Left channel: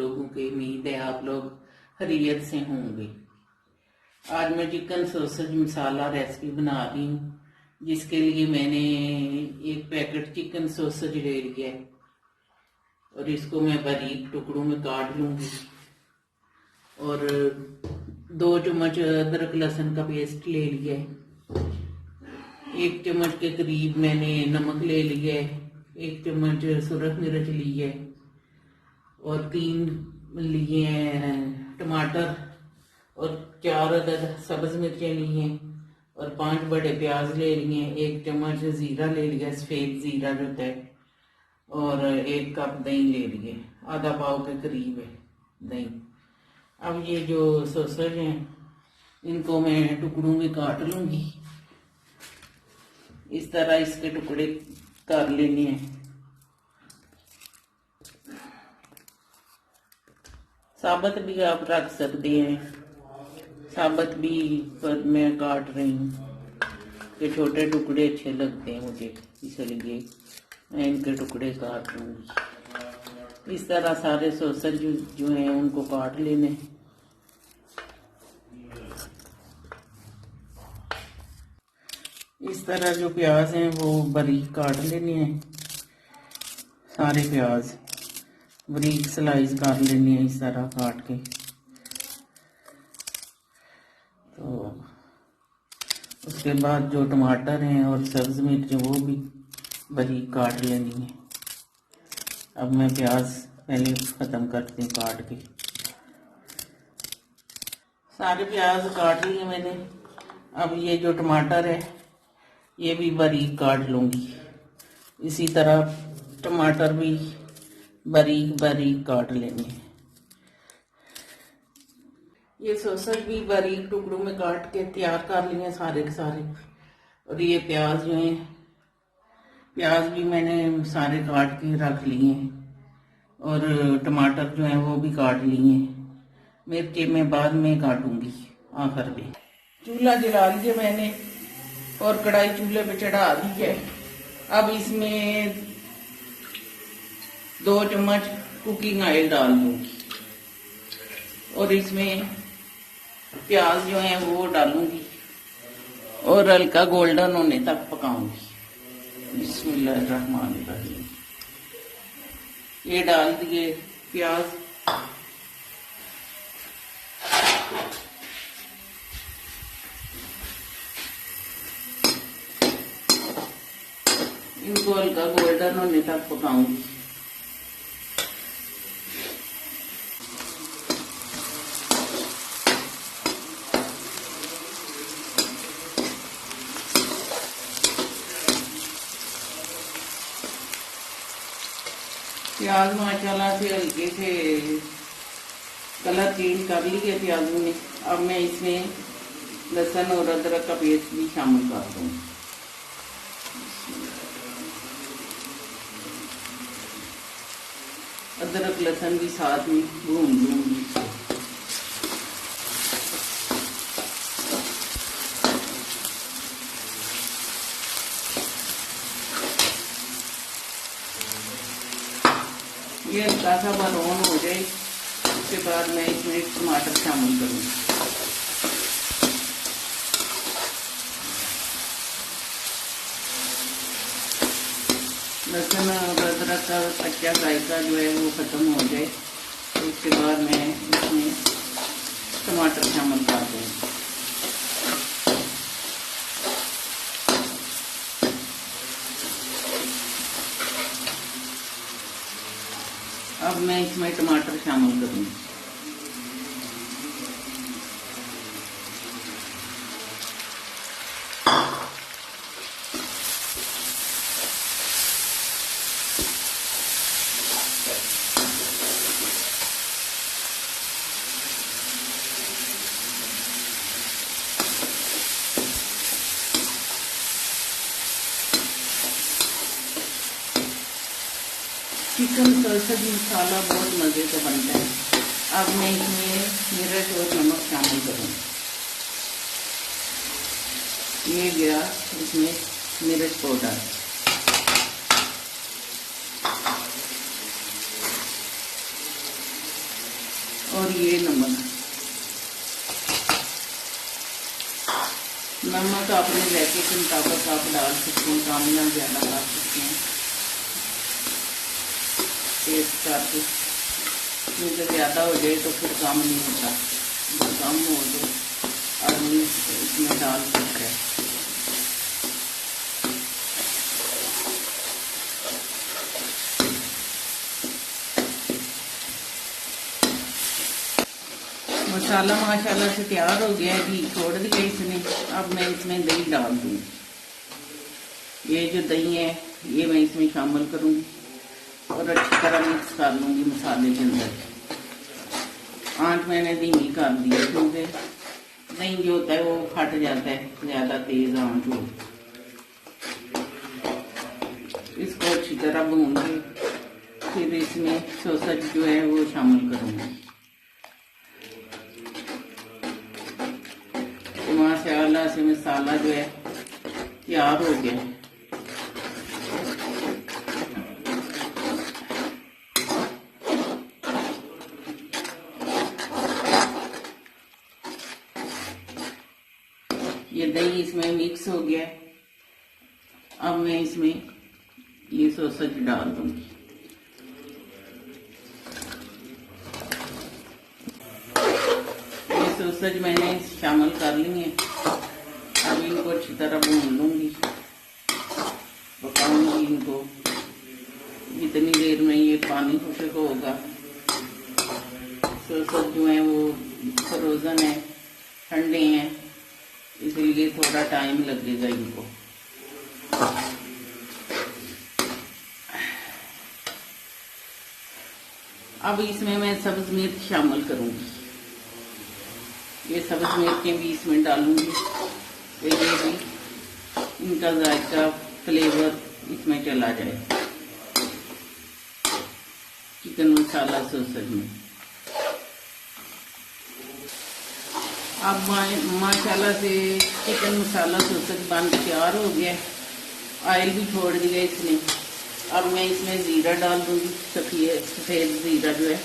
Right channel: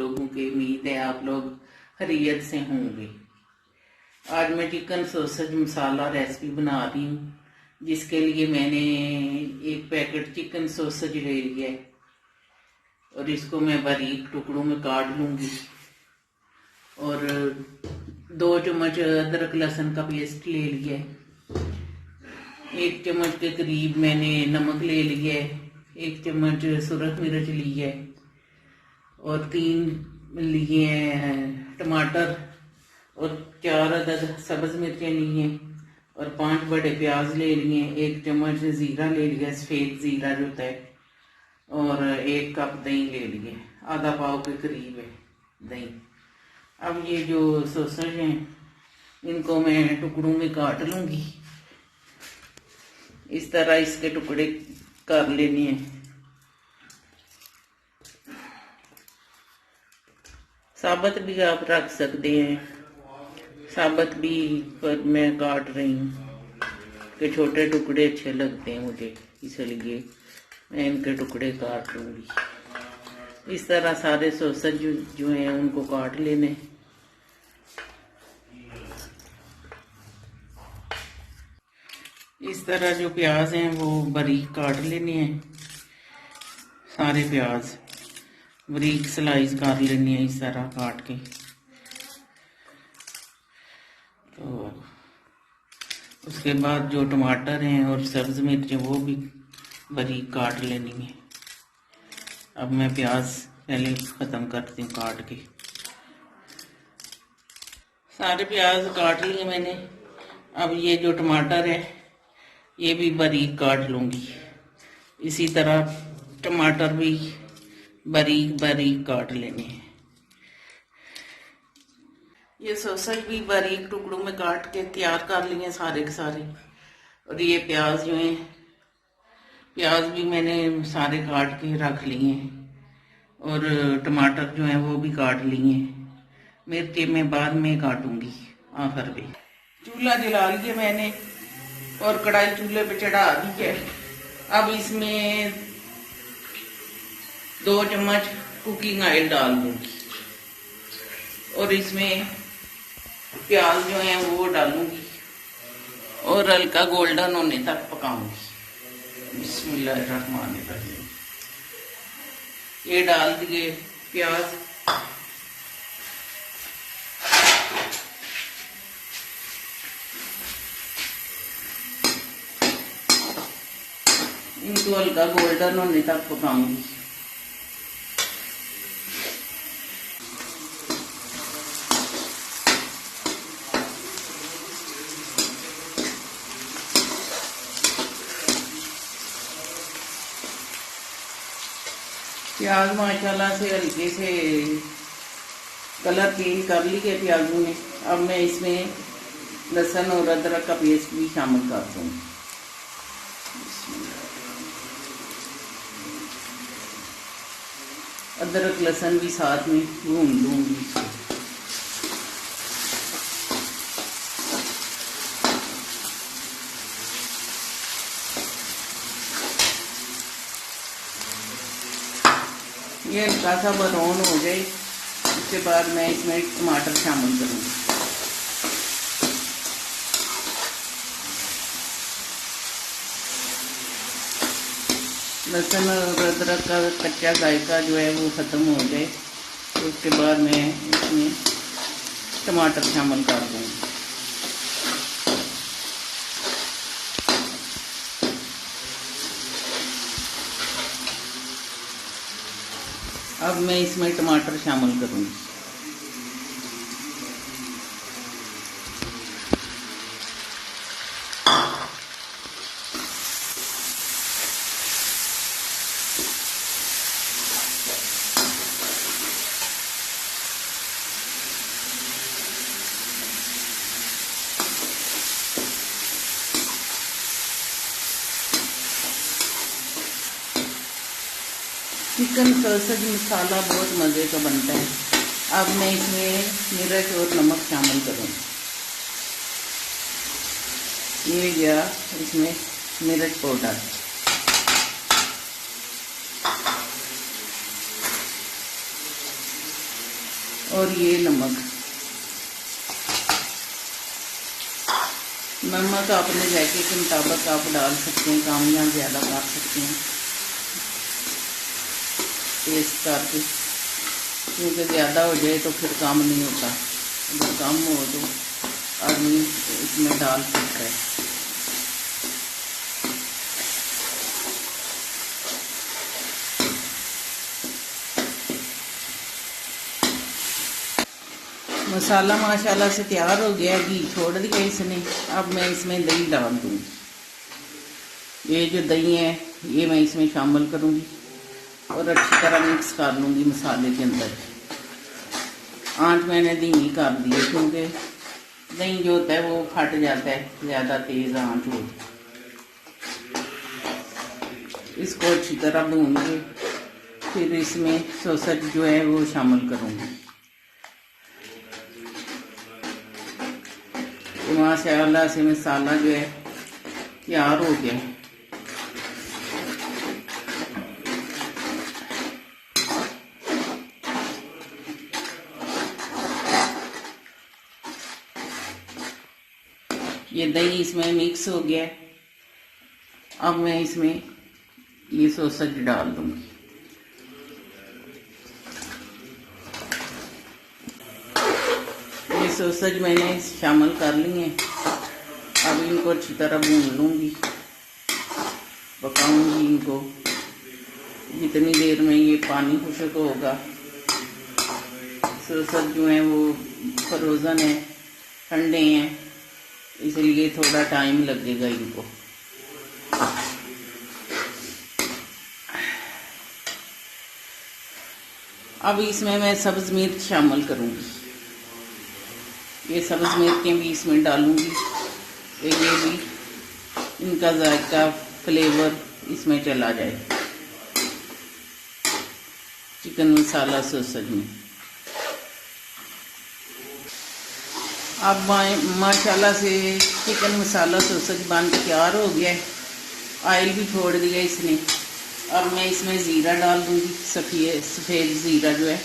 लोगों की उम्मीद है आप लोग खैरियत से होंगे। आज मैं चिकन सॉसेज मसाला रेसिपी बना रही हूँ, जिसके लिए मैंने एक पैकेट चिकन सॉसेज ले लिया है और इसको मैं बारीक टुकड़ों में काट लूँगी। और 2 चम्मच अदरक लहसुन का पेस्ट ले लिया है। 1 चम्मच के करीब मैंने नमक ले लिया है। 1 चम्मच सुरख मिर्च ली है और 3 लिए हैं टमाटर और 4 अदद सब्ज मिर्चें ली हैं और 5 बड़े प्याज ले लिए हैं। 1 चम्मच ज़ीरा ले लिया, सफ़ेद ज़ीरा जो होता है, और 1 कप दही ले लिए, आधा पाव के करीब है दही। अब ये जो सॉसेज हैं इनको मैं टुकड़ों में काट लूँगी। इस तरह इसके टुकड़े कर लेने हैं। साबुत भी आप रख सकते हैं, साबुत भी पर मैं काट रही हूँ कि छोटे टुकड़े अच्छे लगते हैं मुझे, इसलिए मैं इनके टुकड़े काट लूँगी। इस तरह सारे सॉसेज जो हैं उनको काट लेने। इस तरह जो प्याज हैं वो बारीक काट लेने हैं, सारे प्याज बारीक स्लाइस कर लेनी है इस तरह काट के। तो उसके बाद जो टमाटर हैं और सब्ज मिर्च वो भी बारीक काट लेनी है। अब मैं प्याज पहले ख़त्म करती हूँ काट के। सारे प्याज काट लिए मैंने। अब ये जो टमाटर है ये भी बारीक काट लूँगी। इसी तरह टमाटर भी बारीक बारीक काट लेने हैं। ये सॉसेज भी बारीक टुकड़ों में काट के तैयार कर लिए सारे के सारे। और ये प्याज जो हैं, प्याज भी मैंने सारे काट के रख लिए हैं और टमाटर जो हैं वो भी काट लिए हैं। मिर्ची मैं बाद में काटूंगी आखिर में। चूल्हा जला लिया मैंने और कढ़ाई चूल्हे पे चढ़ा दी है। अब इसमें 2 चम्मच कुकिंग ऑयल डाल दूंगी और इसमें प्याज जो है वो डालूंगी और हल्का गोल्डन होने तक पकाऊंगी। बिस्मिल्लाहिर्रहमानिर्रहीम। ये डाल दिए प्याज। इनको हल्का गोल्डन होने तक पकाऊंगी। प्याज माशाल्लाह से हल्के से कलर चेंज कर लिए प्याजों में। अब मैं इसमें लहसुन और अदरक का पेस्ट भी शामिल कर दूँगी। अदरक लहसुन भी साथ में भून लूँगी। ये हल्का सा ब्राउन हो जाए उसके बाद मैं इसमें टमाटर शामिल करूँगी। लहसुन और अदरक का कच्चा जायका जो है वो ख़त्म हो जाए तो उसके बाद मैं इसमें टमाटर शामिल कर दूँगी। अब मैं इसमें टमाटर शामिल करूँगी। चिकन सॉसेज मसाला बहुत मज़े का बनता है। अब मैं इसमें मिर्च और नमक शामिल करूँगी। ये गया इसमें मिर्च पाउडर, और ये नमक। नमक अपने जायके के मुताबिक आप डाल सकते हैं, कम या ज़्यादा डाल सकते हैं टेस्ट करके, क्योंकि ज़्यादा हो जाए तो फिर काम नहीं होता, जो कम हो तो आदमी इसमें डाल सकता है। मसाला माशाल्लाह से तैयार हो गया है, घी छोड़ दिया इसने। अब मैं इसमें दही डाल दूँगी। ये जो दही है ये मैं इसमें शामिल करूँगी और अच्छी तरह मिक्स कर लूँगी मसाले के अंदर। आँच मैंने धीमी कर दी है, क्योंकि दही जो होता है वो फट जाता है, ज़्यादा तेज़ आँच हो। इसको अच्छी तरह भून के फिर इसमें सॉसेज जो है वो शामिल करूँगी। माशाल्लाह से मसाला जो है तैयार हो गया। ये दही इसमें मिक्स हो गया है। अब मैं इसमें ये सॉसेज डाल दूंगी। ये सॉसेज मैंने शामिल कर लिए। अब इनको अच्छी तरह भून लूंगी, पकाऊंगी इनको। जितनी देर में ये पानी खुश्क होगा, सॉसेज जो है वो फ्रोजन है, ठंडे हैं, इसलिए थोड़ा टाइम लगेगा इनको। अब इसमें मैं सब्ज मिर्च शामिल करूंगी। ये सब्ज मिर्चें भी इसमें डालूंगी, ये भी इनका जायका फ्लेवर इसमें चला जाए चिकन मसाला सॉसेज में। अब माशाल्लाह से चिकन मसाला सॉसेज बन के तैयार हो गया है। ऑयल भी छोड़ दिया इसने। अब मैं इसमें ज़ीरा डाल दूँगी, सफ़ेद ज़ीरा जो है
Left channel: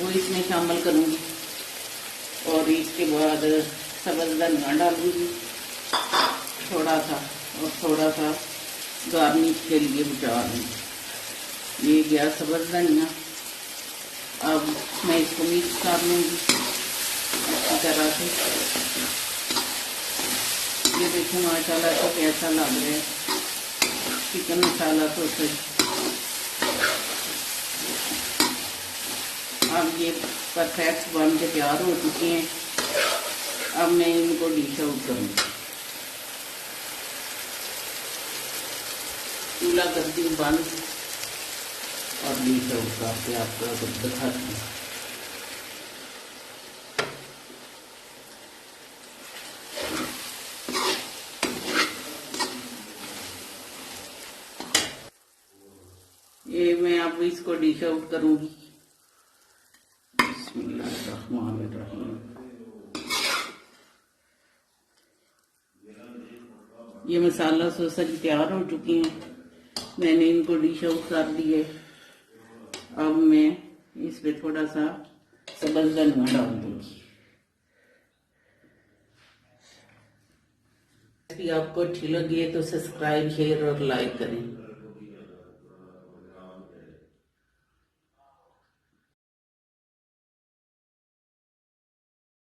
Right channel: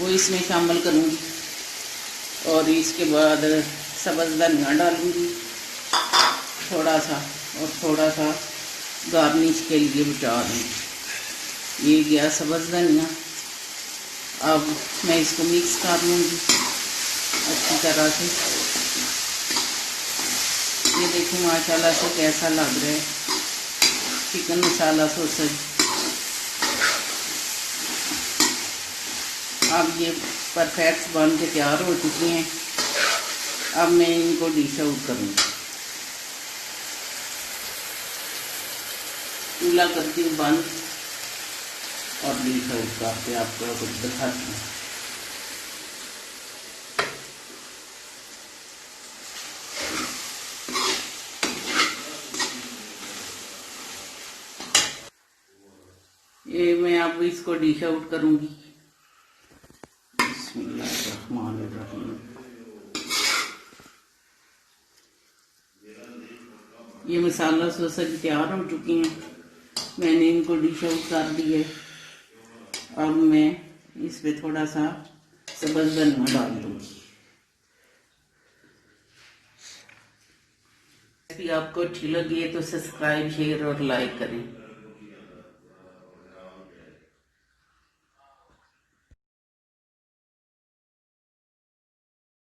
वो इसमें शामिल करूँगी। और इसके बाद सब्ज़ धनिया डालूँगी थोड़ा सा, और थोड़ा सा गार्निश के लिए बचा दूँगी। ये गया सब्ज़ धनिया। अब मैं इसको मिक्स कर लूँगी अच्छी तरह से। ये देखो माशाल्लाह से कैसा लग रहा है चिकन मसाला सॉसेज। अब ये परफेक्ट बन के तैयार हो चुके हैं। अब मैं इनको डिश आउट करूँगी। चूल्हा करती हूँ बंद और डिश आउट करके आपको कुछ दिखाती हूँ। ये मैं अब इसको डिश आउट करूंगी। ये मसाला सॉसेज तैयार हो चुके हैं, मैंने इनको डिश आउट कर दिए। अब मैं इस पे थोड़ा सा सब्ज़ धनिया डाल दूंगी। रेसिपी आपको अच्छी लगी है तो सब्सक्राइब, शेयर और लाइक करें।